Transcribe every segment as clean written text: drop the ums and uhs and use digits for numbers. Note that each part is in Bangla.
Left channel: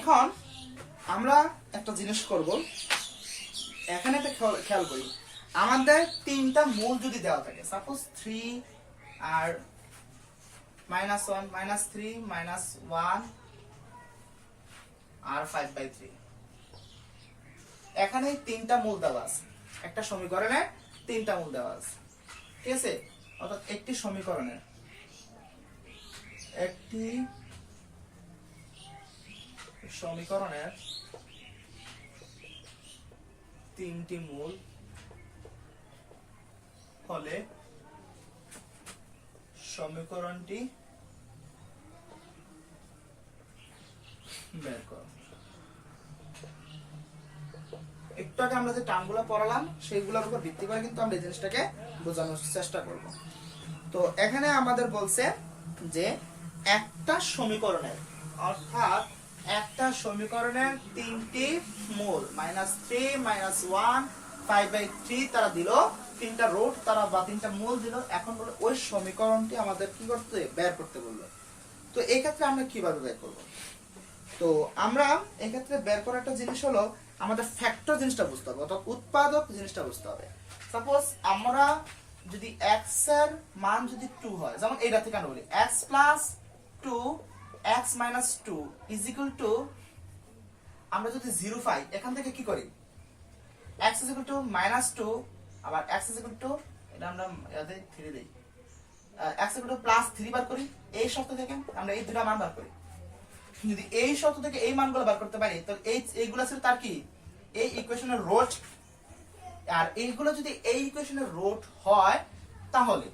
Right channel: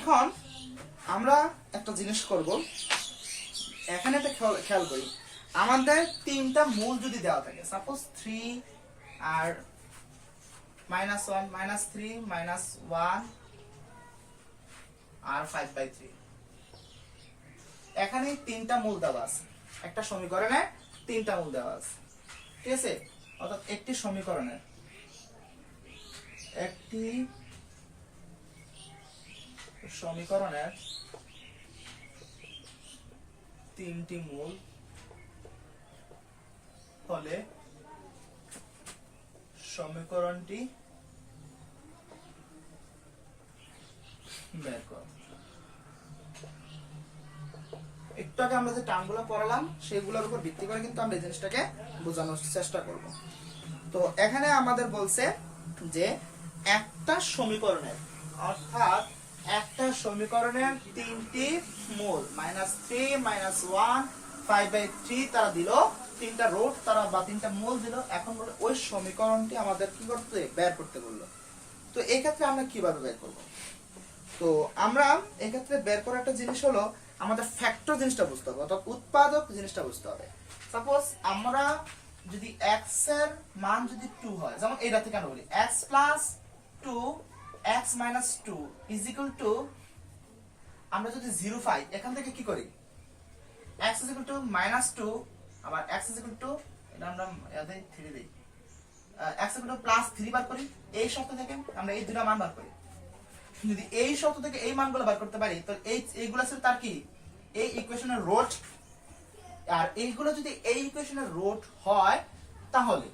এখন আমরা একটা জিনিস করব, এখানে একটা খেয়াল করি, আমাদের তিনটা মূল যদি দেওয়া থাকে, সাপোজ 3 আর -1 -3 -1 আর 5/3, এখানে তিনটা মূল দেওয়া আছে, একটা সমীকরণে তিনটা মূল দেওয়া আছে, ঠিক আছে? অর্থাৎ একটি সমীকরণের তিনটি মূল হলে সমীকরণটি বের করো। একটু আগে আমরা যে টার্মগুলো পড়ালাম সেগুলোর উপর ভিত্তি করে কিন্তু আমরা এই জিনিসটাকে বোঝানোর চেষ্টা করব। তো এখানে আমাদের বলছে যে একটা সমীকরণের, অর্থাৎ একটা সমীকরণের তিনটি মূল -3 -1 5/3 তারা দিল, তিনটা রুট তারা বা তিনটা মূল দিল। এখন বলে ওই সমীকরণটি আমাদের কি করতে বের করতে বললো। তো এই ক্ষেত্রে আমরা কিভাবে বের করব? তো আমরা এই ক্ষেত্রে বের করার একটা জিনিস হলো আমাদের ফ্যাক্টর জিনিসটা বুঝতে হবে, অর্থাৎ উৎপাদক জিনিসটা বুঝতে হবে। সাপোজ আমরা যদি x এর মান যদি 2 হয়, যেমন এইটা থেকে আমরা বলি x + 2 x - 2 = আমরা যদি 0 পাই, এখান থেকে কি করি, x -2 আবার x এটা আমরা ইয়াতে 3 দেই, x +3 বার করি। এই শর্ত থেকে আমরা এই দুটো মান বার করি। যদি এই শর্ত থেকে এই মানগুলো বার করতে পারি, তো এইগুলো ছিল তার কি, এই ইকুয়েশনের রুট। আর এইগুলো যদি এই ইকুয়েশনের রুট হয়, তাহলে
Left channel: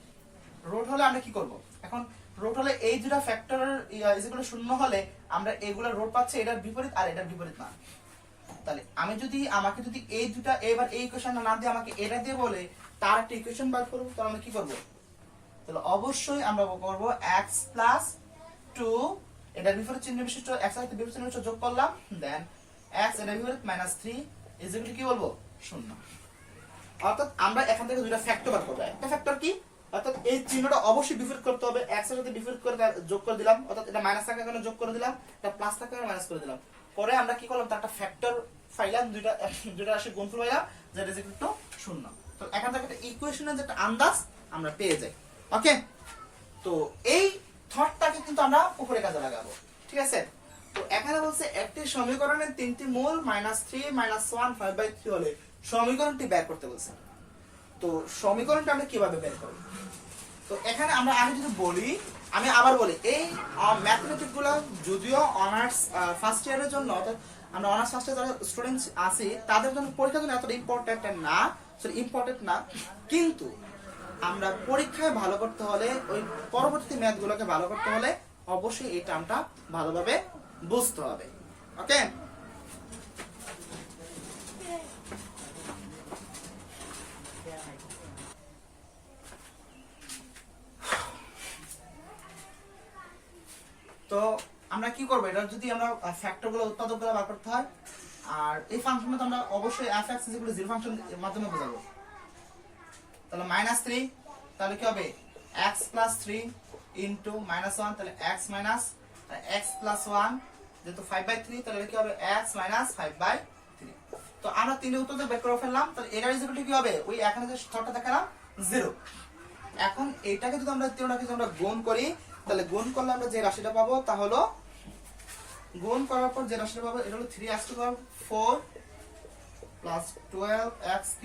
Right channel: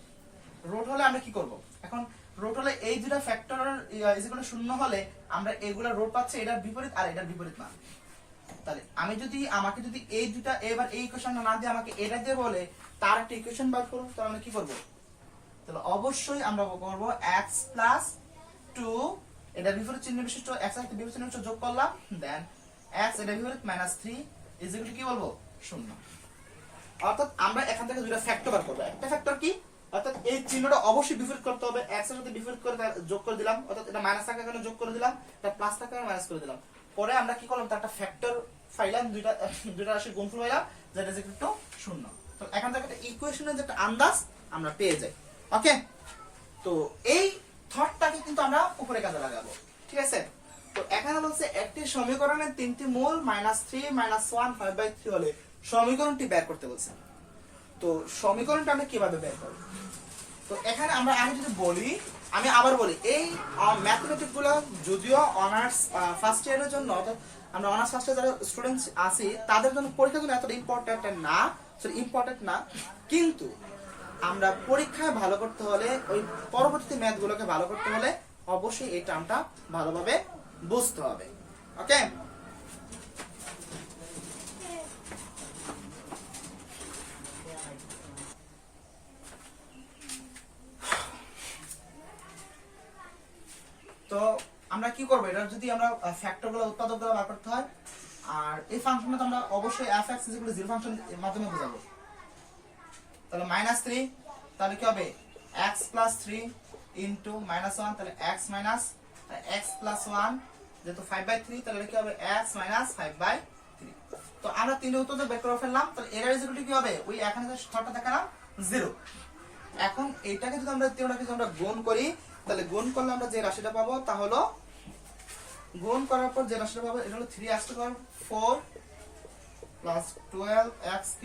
রুট হলে আমরা কি করব? এখন রুট হলে এই দুটো ফ্যাক্টর ইকুয়াল 0 হলে আমরা এগুলা রুট পাচ্ছি এটার বিপরীত আর এটার বিপরীত মান। তাহলে আমাকে যদি এই দুটো এবার এই ইকুয়েশনটা না দিয়ে আমাকে এটা দিয়ে বলে তার একটা ইকুয়েশন বার করব, তাহলে আমি কি করব? তাহলে অবশ্যই আমরা করব x + 2 এটার বিপরীত চিহ্ন বিশিষ্ট x এর বিপরীত চিহ্ন বিশিষ্ট যোগ করলাম, দেন x এটার বিপরীত -3 কি বলবো? 0। অর্থাৎ আমরা এখান থেকে দুইটা ফ্যাক্টর বার করব। একটা ফ্যাক্টর কি, অর্থাৎ এই চিহ্নটা অবশ্যই বিপরীত করতে হবে, x এর সাথে বিপরীত করে যোগ করে দিলাম, অর্থাৎ এটা মাইনাস থাকার কারণে যোগ করে দিলাম, এটা প্লাস থাকার কারণে মাইনাস করে দিলাম। পরে আমরা কি করলাম, তার একটা ফ্যাক্টর পাইলাম, দুইটা রাশির গুণফল পাইলাম, যেটা ইজ ইকুয়াল টু 0। তো এখান থেকে একটা ইকুয়েশনের যে একটা আন্দাজ আমরা পেয়ে যাই। ওকে, তো এই থটটাকে কিন্তু আমরা উপরে কাজে লাগাবো, ঠিক আছে? তো এখানে বলছে একটি সমীকরণের তিনটি মূল -3 -1 5/3 হলে সমীকরণটি বের করতে বলছে। তো সমীকরণটা আমরা কিভাবে বের করব? তো এখানে আমি যদি বলি, আমি আবার বলি, এই ম্যাথমেটিক্স গুলো যদিও অনার্স ফার্স্ট ইয়ারের জন্য, অর্থাৎ আমরা অনার্স ফার্স্ট ইয়ার যারা স্টুডেন্টস আছি তাদের জন্য পরীক্ষার জন্য এতটা ইম্পর্টেন্ট না, কিন্তু আমরা পরীক্ষায় ভালো করতে হলে, ওই পরবর্তী ম্যাথ গুলোকে ভালো করতে হলে অবশ্যই এই টার্মটা ভালোভাবে বুঝতে হবে। ওকে, তো আমরা কি করবো, এটা যদি আমরা ফ্যাক্টর গুলো উৎপাদক গুলো বার করতে হয়, আর এই ফাংশনটা আমরা অবশ্যই f(x) = 0 ফাংশনের মাধ্যমে বোঝাবো। তাহলে -3, তাহলে কি হবে x + 3 * -1, তাহলে x + 1 যেহেতু 5/3, তাহলে কি হবে x - 5/3। তো আমরা তিনটে উত্তর বের করে ফেললাম। তাহলে এর ইকুয়াল কি হবে, ওই এখানে যে শর্তটা দেখালাম 0। এখন এটাকে যদি আমরা গুণ করি, তাহলে গুণ করলে আমরা যে রাশিটা পাবো তা হলো, গুণ করার পর যে রাশিটা পাবো এটা হলো 3x⁴ + 12x³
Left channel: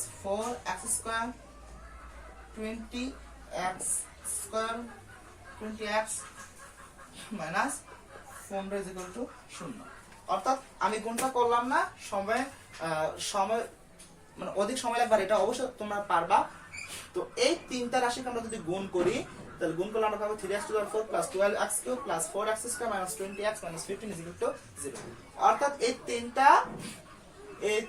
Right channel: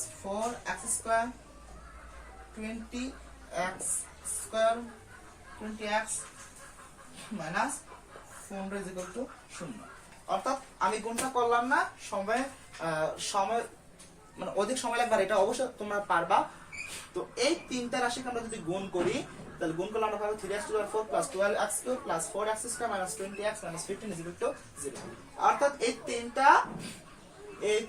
+ 4x² 20x² 20x - 15 = 0। অর্থাৎ আমি গুণটা করলাম না, সময় মানে অধিক সময় লাগবে, এটা অবশ্যই তোমরা পারবা। তো এই তিনটা রাশিকে আমরা যদি গুণ করি, তাহলে গুণ করলে আমরা পাবো 3x⁴ + 12x³ + 4x² - 20x - 15 = 0। অর্থাৎ এই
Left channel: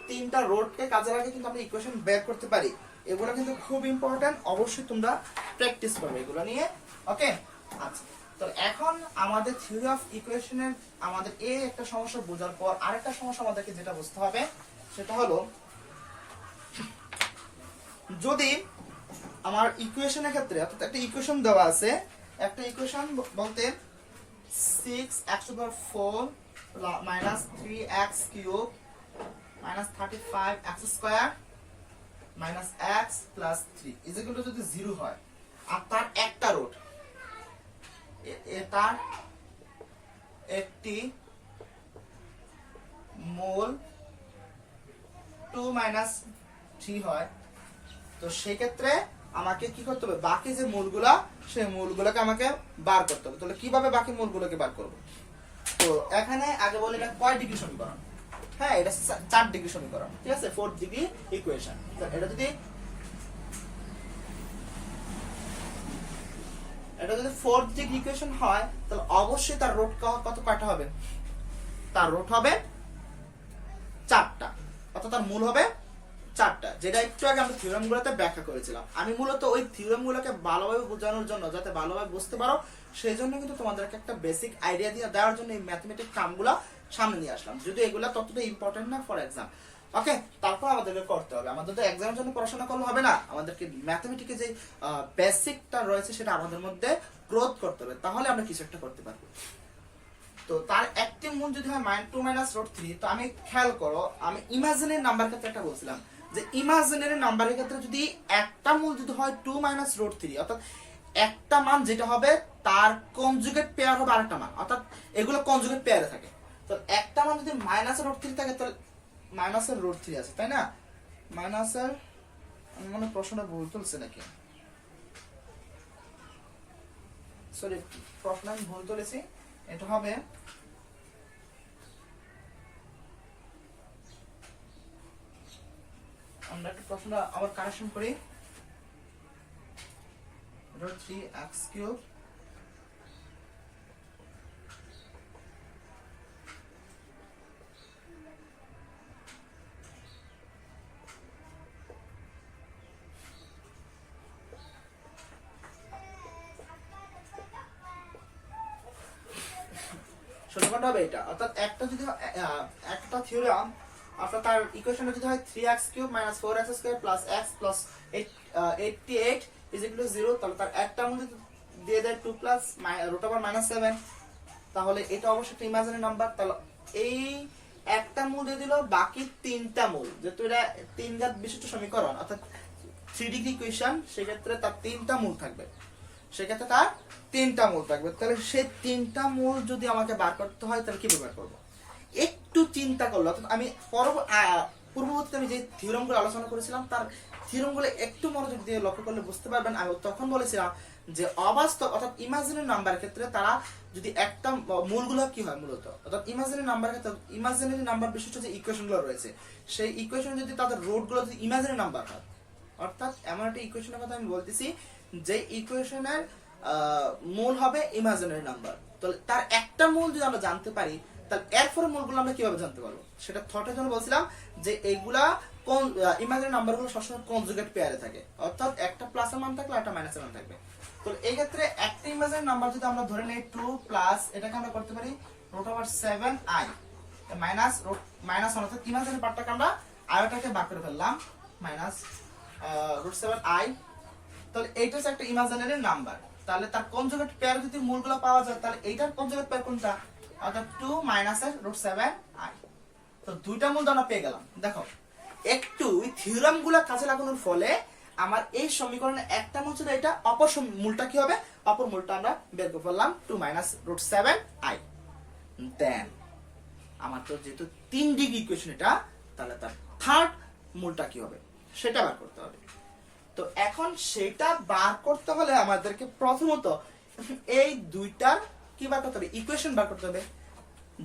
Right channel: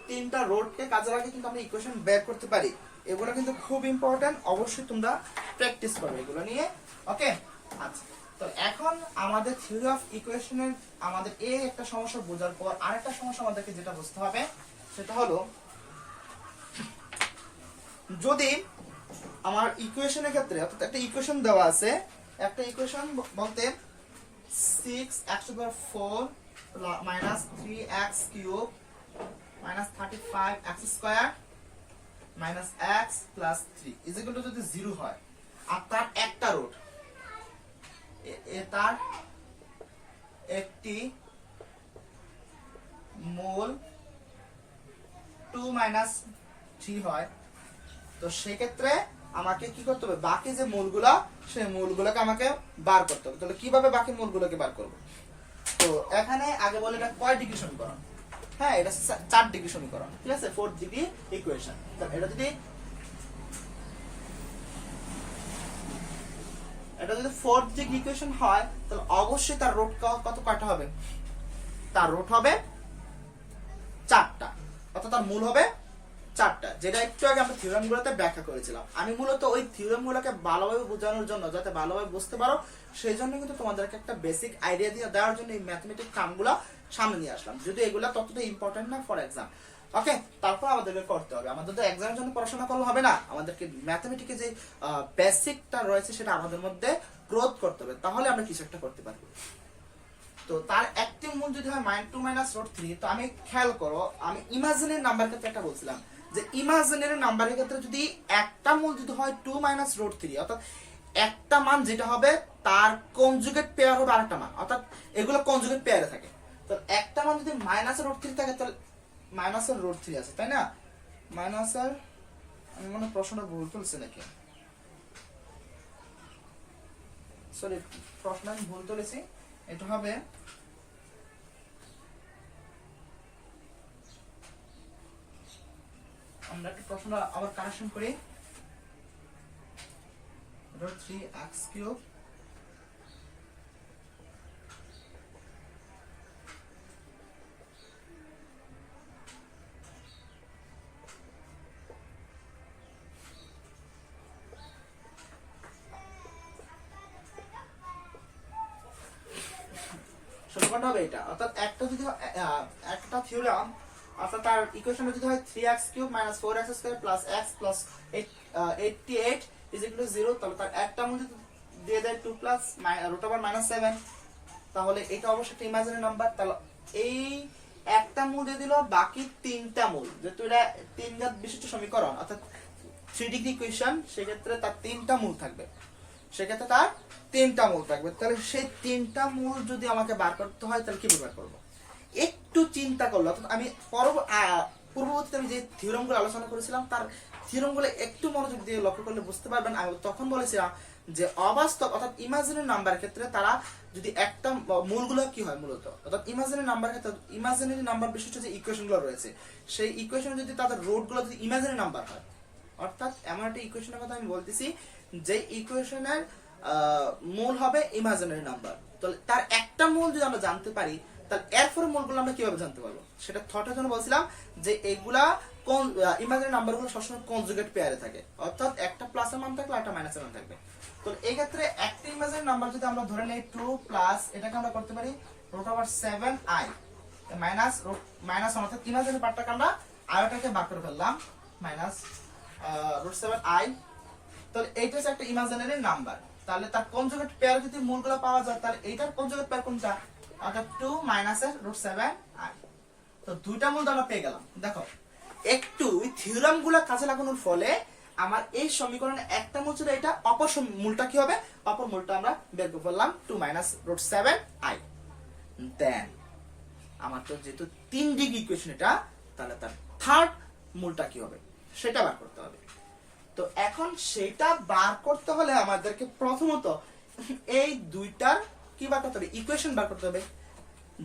তিনটা রোডকে কাজে লাগিয়ে কিন্তু আমরা ইকুয়েশন বের করতে পারি। এগুলো কিন্তু খুব ইম্পর্টেন্ট, অবশ্যই তোমরা প্র্যাকটিস করবে এগুলো নিয়ে। ওকে, আচ্ছা, তো এখন আমাদের থিওরি অফ ইকুয়েশনের আমাদের এই একটা সমস্যা বোঝার পর আরেকটা সমস্যা আমাদেরকে যেটা বুঝতে হবে, সেটা হলো যদি আমার ইকুয়েশনের ক্ষেত্রে, অর্থাৎ একটা ইকুয়েশন দেওয়া আছে, একটা ইকুয়েশন বলতে 6x to the power 4 minus 3x cube minus 35x square minus x plus 3 is equal to যদি 0 হয় আর তার একটা রুট তার একটি মূল 2 minus 3 হয়, তো সেক্ষেত্রে আমাকে কি করতে হবে, বাকি যে মূলগুলা সেই মূলগুলোকে আমাকে বার করতে হবে। তাহলে কিভাবে বাকি মূলগুলোকে বার করব? তো এখানে আগে বলে এটা কয় ডিগ্রি সমীকরণ? হ্যাঁ, এটা 4 ডিগ্রি সমীকরণ, ঠিক আছে, 4 ডিগ্রি ইকুয়েশন। এটা যদি 4 ডিগ্রি ইকুয়েশন হয় তাহলে অবশ্যই তার রুট কত কয়টা হবে? তার রুট হবে 4টা, অর্থাৎ তার মূল হবে 4টা, যেটা একটু আগে আমরা থিওরেম গুলোতে ব্যাখ্যা করেছিলাম। আমি মূলত ওই থিওরেম গুলোকে ভালোভাবে বোঝানোর জন্য, যাতে ভালোভাবে বুঝতে পারো, সেই জন্য কিন্তু তোমাদেরকে একটা বেসিক আইডিয়া দিয়ে দেওয়ার জন্য এই ম্যাথমেটিক্স টার্মগুলো সামনে নিয়ে আসলাম, যদি এগুলা ততটা ইম্পর্টেন্ট না ফর এক্সাম। ওকে, তারপর আমাদেরকে করতে হবে, আমাদের তো এক্সামের জন্য পড়াশোনা করলে হবে না, আমাদেরকে ম্যাথমেটিক্সে যে বেসিকটা রয়েছে সেটা আমাদের মধ্যে গ্রোথ করতে হবে, তাহলে আমরা কিছু একটা করতে পারবো। তো তার একটি মূল যদি হয় -2 - √3, তো আমি খেয়াল করো, আমি ইমাজিনারি নাম্বার ক্ষেত্রে একটা বলছিলাম যে ইমাজিনারি নাম্বারের ক্ষেত্রে যদি একটা মূল যদি হয় 2 - √3, অর্থাৎ একটা মান যেটা হবে তার কনজুগেট পেয়ার হবে আরেকটা মান, অর্থাৎ এগুলো কনজুগেট পেয়ারে থাকে। তো একটা মান যদি -√3 থাকে তাহলে -√3 আছে, তাই না? আমি মনে প্রশ্নটা ভুল তুলছি নাকি, সরি, প্রশ্ন আমি ভুল তুলেছি। এটা হবে আমরা একটা প্রশ্ন আবার কারেকশন করি, 3x³ সমাধান হবে এটা, অর্থাৎ একটা যদি একটা থিওরাম, অর্থাৎ তার ইকুয়েশনটা যদি হয় 3x³ - 4x² + x + 88 = 0, তাহলে তার একটা মূল দিয়ে দেয় 2 + √7, তাহলে এটা অবশ্যই একটা ইমাজিনারি নাম্বার। তাহলে এই একটা মূল দিয়ে দিল, বাকি তিনটা মূল, যেহেতু এটা 3 ঘাত বিশিষ্ট সমীকরণ, অর্থাৎ 3 ডিগ্রি ইকুয়েশন, সেক্ষেত্রে তার তিনটা মূল থাকবে, তাহলে সেই তিনটা মূল যদি আমাকে বার করতে হয় তাহলে কিভাবে বার করবো? একটু চিন্তা করলো, অর্থাৎ আমি পূর্ববর্তীতে আমি যে থিওরাম গুলো আলোচনা করেছিলাম তার থিওরাম গুলো একটু মনোযোগ দিয়ে লক্ষ্য করলে বুঝতে পারবেন। আমি তখন বলেছিলাম যে অবাস্তব অর্থাৎ ইমাজিনারি নাম্বার ক্ষেত্রে তারা যদি একটা মূলগুলো কি হয় মূলত, অর্থাৎ ইমাজিনারি নাম্বার ক্ষেত্রে ইমাজিনারি নাম্বার বিশিষ্ট যে ইকুয়েশন গুলো রয়েছে সেই ইকুয়েশন যদি তাদের রুট গুলো যদি ইমাজিনারি নাম্বার হয়, অর্থাৎ এমন একটা ইকুয়েশনের কথা আমি বলতেছি যে ইকুয়েশনের মূল হবে ইমাজিনারি নাম্বার, তো তার একটা মূল যদি আমরা জানতে পারি তাহলে এরপরে মূলগুলো আমরা কিভাবে জানতে পারবো? সেটা থটের জন্য বলছিলাম যে এগুলা ইমাজিনারি নাম্বারগুলো সবসময় কনজুগেট পেয়ারে থাকে, অর্থাৎ একটা প্লাসের মান থাকলে একটা মাইনাসের মান থাকবে। তো এই ক্ষেত্রে একটা ইমাজিনারি নাম্বার যদি আমরা ধরে নেই 2 এটাকে আমরা করতে পারি √7i মাইনাস অর্থাৎ ইমাজিনারি পার্টটাকে আমরা আরেকটাকে ভাগ করে ফেললাম -√7i, তাহলে এইটা হচ্ছে একটা ইমাজিনারি নাম্বার। তাহলে তার কনজুগেট পেয়ার যদি মূলগুলো পাওয়া যায় তাহলে এইটার কনজুগেট পেয়ার কোনটা, অর্থাৎ 2 - √7i। তো দুইটা মূল আমরা পেয়ে গেলাম। দেখো একটু থিওরাম গুলা কাজে লাগানোর ফলে আমার এই সমীকরণে একটা মূল ছিল, এটা অপর মূলটা কি হবে, অপর মূলটা আমরা বের করে ফেললাম 2 - √7i। দেন আমার তো যেহেতু 3 ডিগ্রি ইকুয়েশন এটা, তাহলে তার থার্ড মূলটা কি হবে সেটা বার করতে হবে। তো এখন সেটা বার করতে হলে আমাদেরকে প্রথমত এই দুইটার কি বার করতে হবে, ইকুয়েশন বার করতে হবে।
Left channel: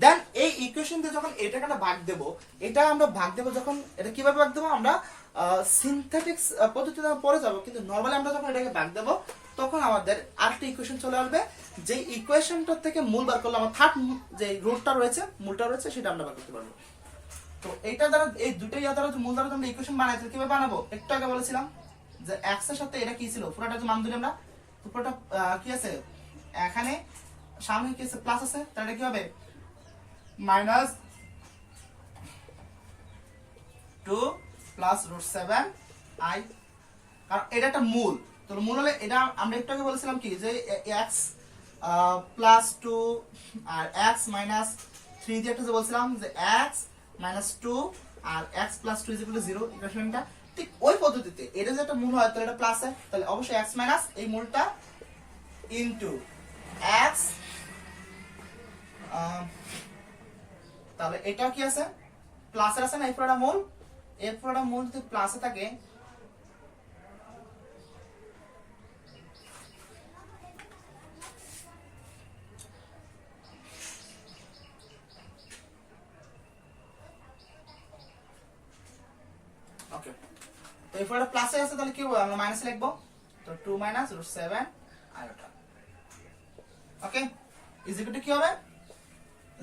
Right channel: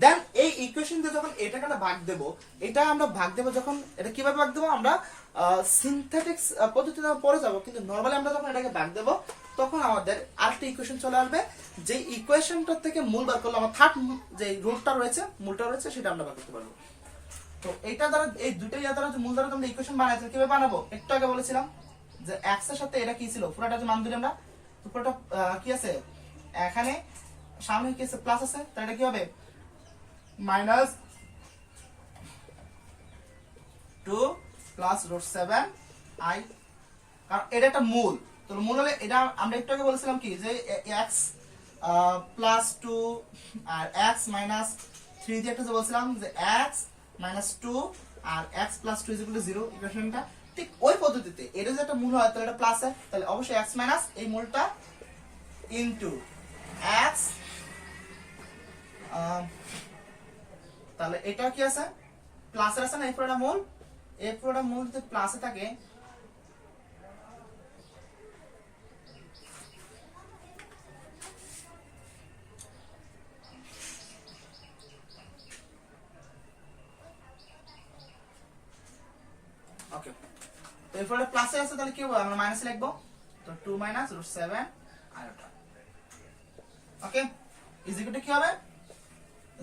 দেন এই ইকুয়েশন দিয়ে যখন এটাকে আমরা ভাগ দেব, এটা আমরা ভাগ দেব যখন, এটা কিভাবে ভাগ দেব, আমরা সিনথেটিক্স পদ্ধতিতে পরে যাব, কিন্তু নরমালি আমরা যখন এটাকে ভাগ দেব তখন আমাদের আরেকটা ইকুয়েশন চলে আসবে, যে ইকুয়েশনটা থেকে মূল বার করলে আমার থার্ড যে রুটটা রয়েছে, মূলটা রয়েছে, সেটা আমরা বার করতে পারবো। তো এইটা দ্বারা, এই দুটো ইয়া দ্বারা মূল দ্বারা আমরা ইকুয়েশন বানাইছি, কিভাবে বানাবো একটু আগে বলেছিলাম যে x এর সাথে এটা কি ছিল, পুরোটা যে মান দিলাম আমরা, পুরোটা কি আছে এখানে সামনে কি আছে, প্লাস আছে, তাহলে এটা কি হবে -2 + √7i, কারণ এটা একটা মূল। তো মূল হলে এটা আমরা একটু আগে বলেছিলাম কি যে x প্লাস 2 আর x মাইনাস 3 দিয়ে একটা যে বলছিলাম যে x মাইনাস 2 আর x প্লাস 2 0 ইকুয়েশনটা ঠিক ওই পদ্ধতিতে এটা যে একটা মূল হয় তাহলে এটা প্লাস হয়, তাহলে অবশ্যই x মাইনাস এই মূলটা ইনটু x, তাহলে এটা কি আছে প্লাসের আছে না, এই পুরোটা মূল যদি প্লাসে থাকে ওকে, তো এই পুরোটা প্লাসে আছে তাহলে কি হবে আমরা মাইনাস লিখবো, তো 2 minus √7 iota. Okay, is equal to কি হবে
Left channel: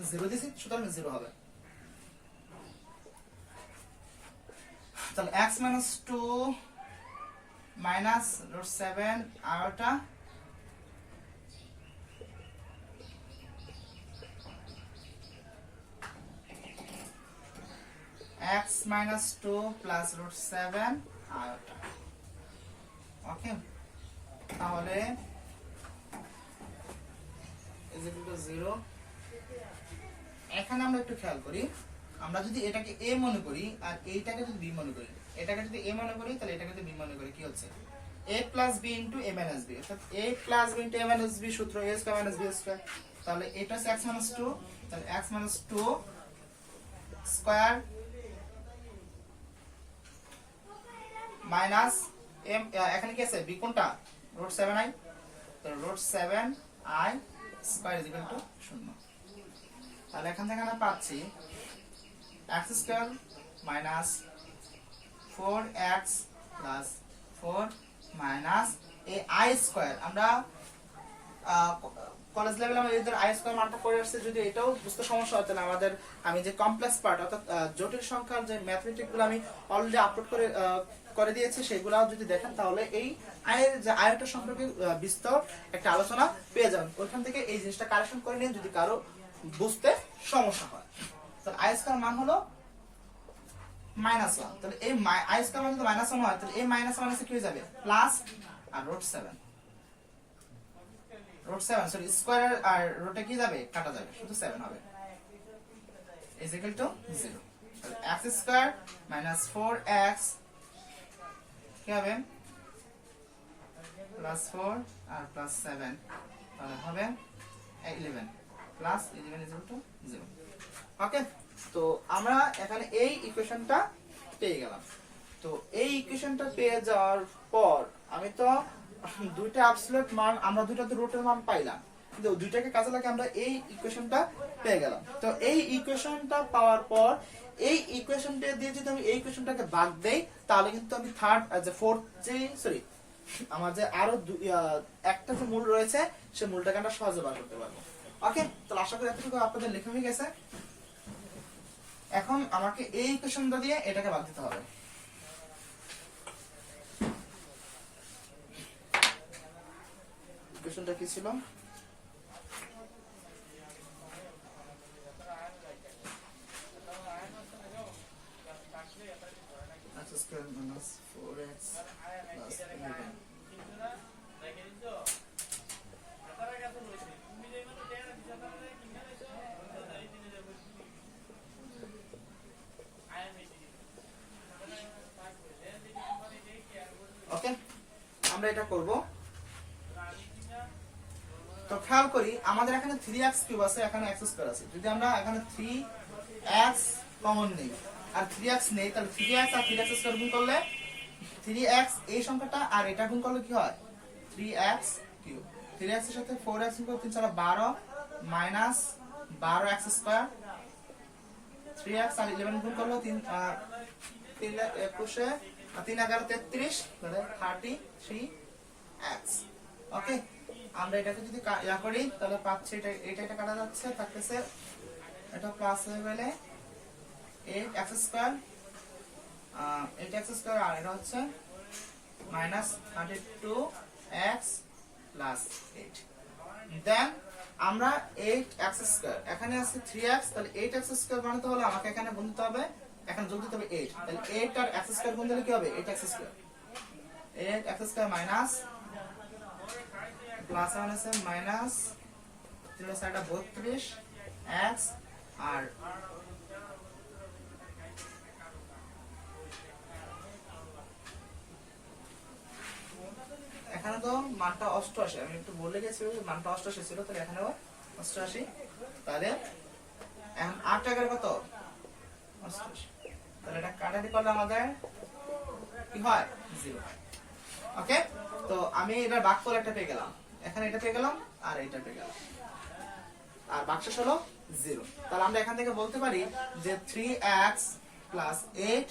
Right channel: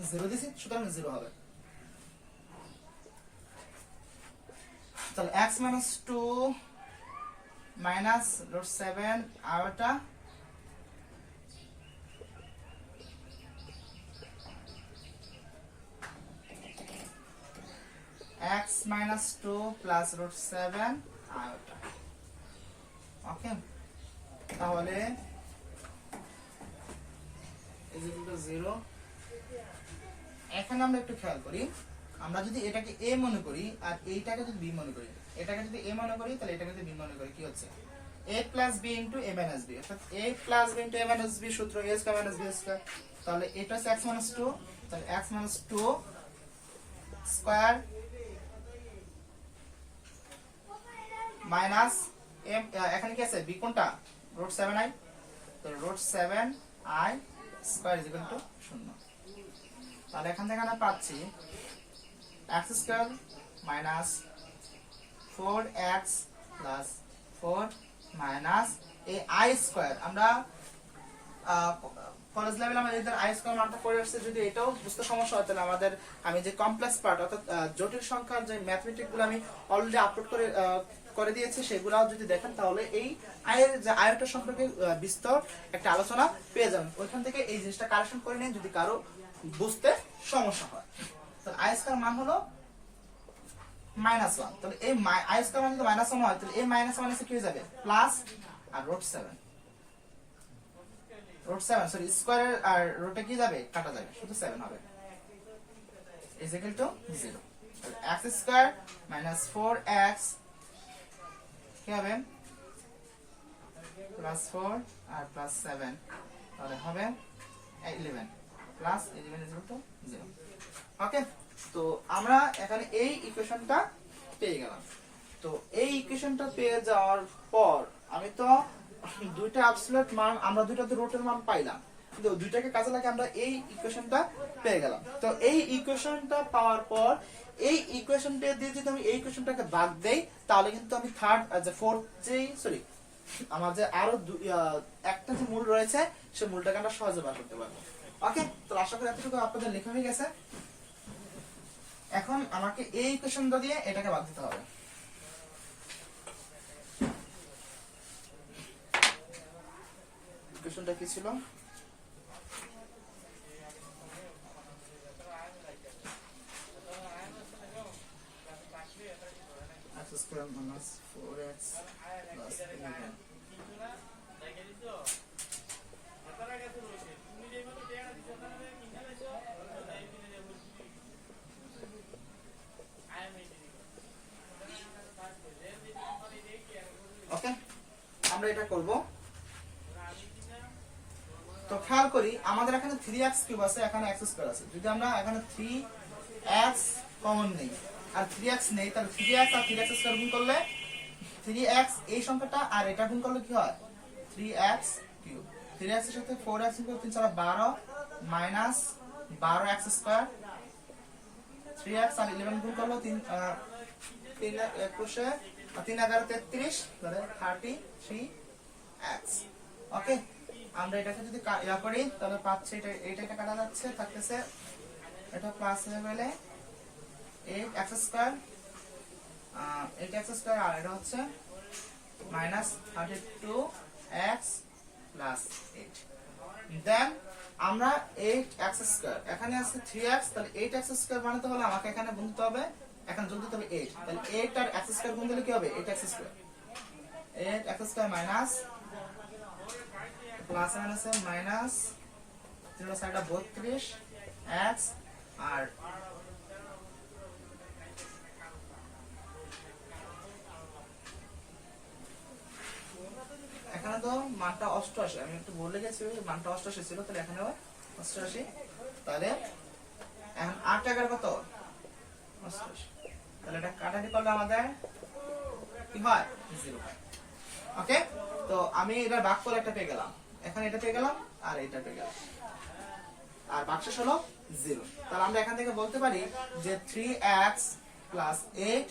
0 দিছি সুতরাং 0 হবে, তাহলে x minus 2 minus √7 iota x minus 2 plus √7 iota. Okay, তাহলে is equal to 0। এখানে আমরা একটু খেয়াল করি, আমরা যদি এটাকে a মনে করি আর এইটাকে যদি b মনে করি, এটাকে যদি a মনে করি তাহলে এটাকে যদি b মনে করি, কি হচ্ছে a plus b into a minus b, অর্থাৎ a plus b into a minus b সূত্র a square minus b square, তাহলে এটা হচ্ছে x minus 2, তাহলে x minus 2 square minus m, এখানে কি আছে b কোনটা √7i, তো √7i square is equal two 0। তাহলে এখান থেকে আমরা পাচ্ছি x square minus 4x plus 4 minus এই i স্কয়ার, আমরা কলেজ লেভেলে আমরা এদের i স্কয়ার মানটা করে আসছে, যদি এটাও বুঝতে সমস্যা হয় তাহলে আমাদের আমি যে কমপ্লেক্স পার্ট অর্থাৎ জটিল সংখ্যার যে ম্যাথমেটিক গুলো আমি অলরেডি আপলোড করে দিয়েছি সেগুলাও যদি দেখেন তাহলে এই আয়ের যে আয়টা সম্পর্কে বিস্তর একটা আলোচনা পেয়ে যাবেন, ওইখান থেকে এই জিনিসটা কারেকশন করে নিন যদি কারো বুঝতে সমস্যা হয়। তাহলে i স্কয়ার মান হলো -1, তাহলে এই i স্কয়ার মান যদি -1 হয় তাহলে এই -1 এসে কি হয়ে যাবে প্লাস আর √7 সরি স্কয়ার আর রুটে কি যাবে কাটা যাবে, শুধু 7 হবে ইজ ইকুয়াল টু 0। তাহলে x স্কয়ার মাইনাস 4x কি হবে প্লাস 4 আর প্লাস 7, তাহলে হবে 11 প্লাস 11 ইজ ইকুয়াল টু 0। ওকে, তো আমরা এখানে এই ইকুয়েশনটা পেয়ে গেলাম। তো এই ইকুয়েশনটা পেয়ে যাওয়ার পর আমি তো দুইটা অ্যাবসলিউট মান, আমরা দুইটাতে রুটের মান পাইলাম, কিন্তু দুইটাকে কাজে লাগিয়ে আমরা এই ইকুয়েশনটা পেয়ে গেলাম। তো এই ইকুয়েশনটা পাওয়ার পর এই ইকুয়েশনটা দিয়ে যদি আমি এই ইকুয়েশনটাকে ভাগ দেই তাহলে কিন্তু আমি আমার যে আরো একটা যে মূল রয়েছে সেই মূলটাকে আমরা সহজে বার করতে পারবো। ওকে, তো আশা করি এতটুকু আপনাদের লেখা হয়ে গেছে। এখন আমাকে এই ইকুয়েশনটা দিয়ে এটাকে ভাগ দিতে হবে। ইকুয়েশনটা কি ছিল, x square minus 4x plus 11। ওকে, আমরা এটা করব। তো খেয়াল করি আমাদের এখানে 3x কিউব আছে, এখানে x স্কয়ার আছে, যদি আমরা এখানে 3x কমন নেই আর 3x নেই তাহলে 3x আর 3x স্কয়ার গুণ করলে 3x এই সংখ্যাটা আর এটা গুণ করলে কি হয় 3x কিউব, 3x এর সাথে 4x গুণ করলে 3 4 12 মাইনাস 12x স্কয়ার, 3x আর 11 গুণ করলে 3 3 21 আর 3 11 33 মানে 33x। ওকে, আমরা এটাকে যদি ইয়া করি তাহলে পাচ্ছি এটা কাটা যাচ্ছে, থাকতেছে এটা প্লাস হয়ে গেলে 8x স্কয়ার 8x স্কয়ার আর এটা হচ্ছে মাইনাস 32x প্লাস 8। দেন আমরা 8x স্কয়ার, এখানে আছে 3x, তাহলে 8x স্কয়ার বানাতে হলে আমাকে এখানে গুণতে হবে, এখানে যোগ দিতে হবে 8, তাহলে 8 আর x স্কয়ার গুণ দিলে কি হবে 8x square, 8x square minus plus minus 0 সাইডটা 32 x আর এখানে তো মানটা 88, আমি একটু বলে গেছি মানটা 88 ছিল, তাহলে এখানেও 88, তাহলে এখন 8 এগারো কত 88, তাহলে এটা কাটাকাটি করলে আমাদের কি হয় 0 হয়। ওকে, তো আমি এটার ভাগফল একটা পেয়ে গেলাম, এখানে এটা পেয়ে গেলাম আর এটা পেয়ে গেলাম, আর ভাগশেষ হলো 0। তাহলে আমরা এখান থেকে বলতে পারি যে 3x plus 8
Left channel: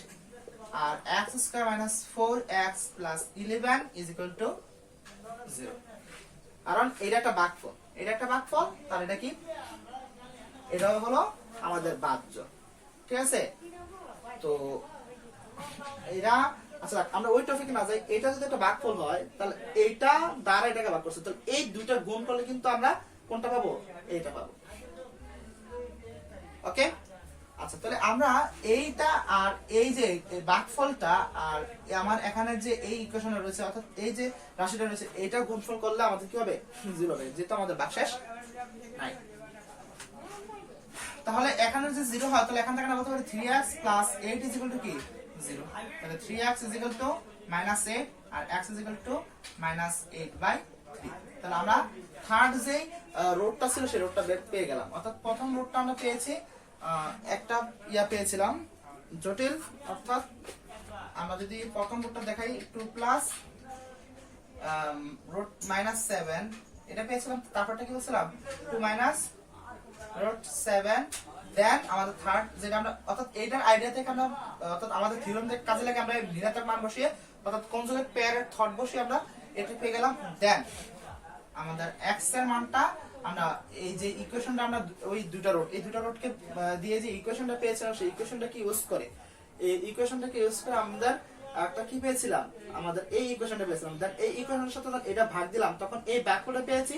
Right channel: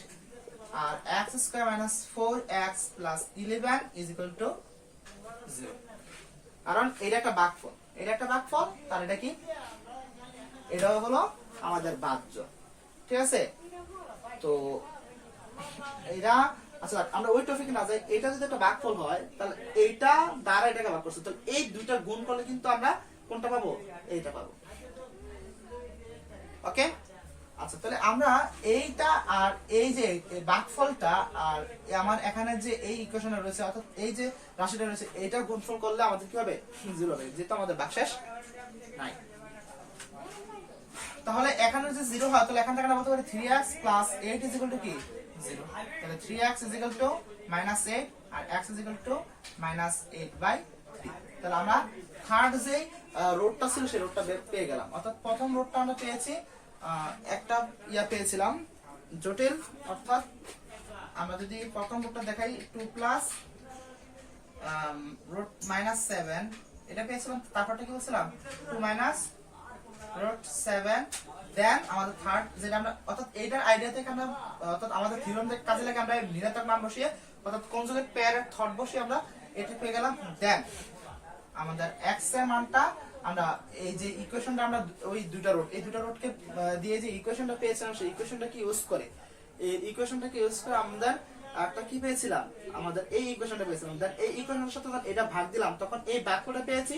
R x square minus 4x plus 11 is equal to 0, কারণ এটা একটা ভাগফল, তাহলে এটা কি, এটা হলো আমাদের বাহ্য। ঠিক আছে, তো এটা আচ্ছা আমরা ওই টপিকে না যাই, এটা যদি একটা ভাগফল হয় তাহলে এইটা দ্বারা এটাকে ভাগ করছে, তাহলে এই দুইটা গুণ করলে কিন্তু আমরা কোনটা পাবো, এইটা পাবো। ওকে, আচ্ছা তাহলে আমরা এইটা আর এই যে ভাগফলটা আর আমার এখানে যে এই ইকুয়েশনে রয়েছে, অর্থাৎ এই যে রাশিটা রয়েছে, এটা গুণফল করলে আমাদের কি হবে 0 হবে, যেহেতু আমাদের ভাগশেষ নাই। তাহলে এখানে যে 0 হয়, তাহলে এখান থেকে আমরা বলতে পারি 3x plus 8 is equal to কি 0, তাহলে 3x is equal to -8 R x is equal to -8/3। তাহলে আমরা থার্ড যে রোডটা ছিল সেই রোডটা পেয়ে গেলাম, অর্থাৎ প্রথম রোডটা আমরা পেয়েছি একটা পেয়েছিলাম জটিল, অর্থাৎ আমরা যদি প্রথম রোডটা দেখাই 2 প্লাস রুট -7 এটা পেয়েছিলাম, তারপরটা কি বলছিলাম 2 মাইনাস রুট 7, দেন আমাদের থার্ড যেটা আমরা, অর্থাৎ এইটার আইডিয়া থেকে আমরা, অর্থাৎ আমাদের থিওরেম থেকে কাজে লাগে আমরা ঋণাত্মক মান বসিয়ে, অর্থাৎ কনজুগেট পেয়ারের থর্ড বসিয়ে আমরা এটা পেয়ে গেলাম। দেন আমাদের x এর মানটা আমরা এই যে ইকুয়েশনটা আমরা ওই দুটো রোডকে দিয়ে যে ইকুয়েশনটা পেয়েছিলাম, সেই ইকুয়েশনটাকে ইউজ করে আমাদের একটা কি পেয়েছিলাম, আমাদের এই ইকুয়েশনটা পেয়েছিলাম। দেন এই ইকুয়েশনের সাথে এটা ভাগ দিলাম, তখন এই ভাগফলটা পেয়েছি,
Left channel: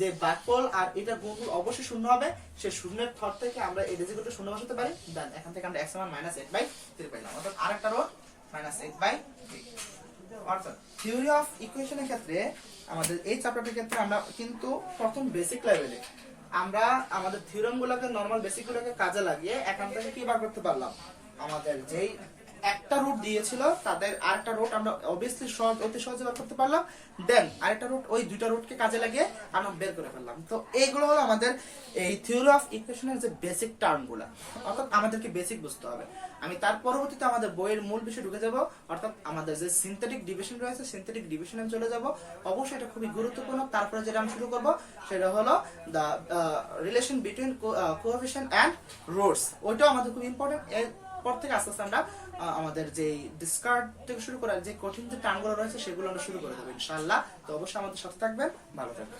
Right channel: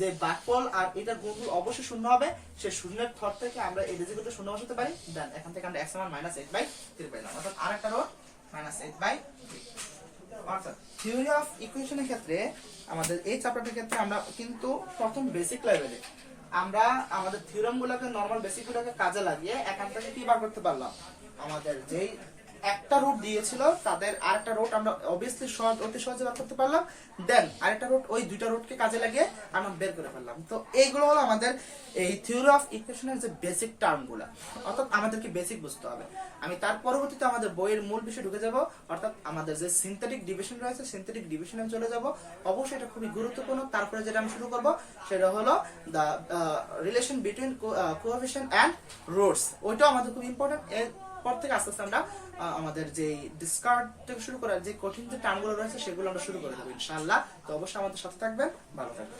যে ভাগফল আর এটা গুণফল অবশ্যই শূন্য হবে, সেই শূন্যের থর থেকে আমরা এই রেজাল্টটা শূন্য বসাতে পারি। দেন এখান থেকে আমরা x এর মান -8/3 পাইলাম, অর্থাৎ আরেকটা রোড -8/3। অর্থাৎ থিওরি অফ ইকুয়েশনের ক্ষেত্রে আমাদের এই চ্যাপ্টারটার ক্ষেত্রে আমরা কিন্তু প্রথম বেসিক লেভেলে আমরা আমাদের থিওরেমগুলোকে, নরমাল বেসিকগুলোকে কাজে লাগিয়ে এখান থেকে কি বার করতে পারলাম, আমাদের যেই একটা রুট দিয়েছিল তাদের আরেকটা রুট আমরা অবভিয়াসলি অতি সহজে বার করতে পারলাম। দেন আরেকটা রুট, ওই দুইটা রুটকে কাজে লাগিয়ে আমরা বের করে ফেললাম। তো এইগুলো হলো আমাদের এই থিওরি অফ ইকুয়েশনের যে বেসিক টার্মগুলো, অর্থাৎ আমাদেরকে বেসিক বুঝতে হবে। আমি তার পরবর্তীতে আমাদের বইয়ের মূল বিষয়ে ঢুকে যাব, অর্থাৎ আমাদের যে সিনথেটিক ডিভিশন রয়েছে সিনথেটিক ডিভিশনে চলে যাব। অবশ্যই এটা খুবই গুরুত্বপূর্ণ। তারপরে যেটা আমি শুরু করব সেটা হলো the relation between coefficient and roots, ওইটাও আমাদের খুব ইম্পর্টেন্ট। এরপর থেকে আস্তে আস্তে আমরা আমাদের যে ডিসকার্ড থেকে শুরু করার যে কঠিন যে টার্মগুলো রয়েছে সেগুলো আমরা শুরু করে দেবো ইনশাআল্লাহ। তো অবশ্যই আমাদের সাথে থাকবেন, ভালো থাকবেন।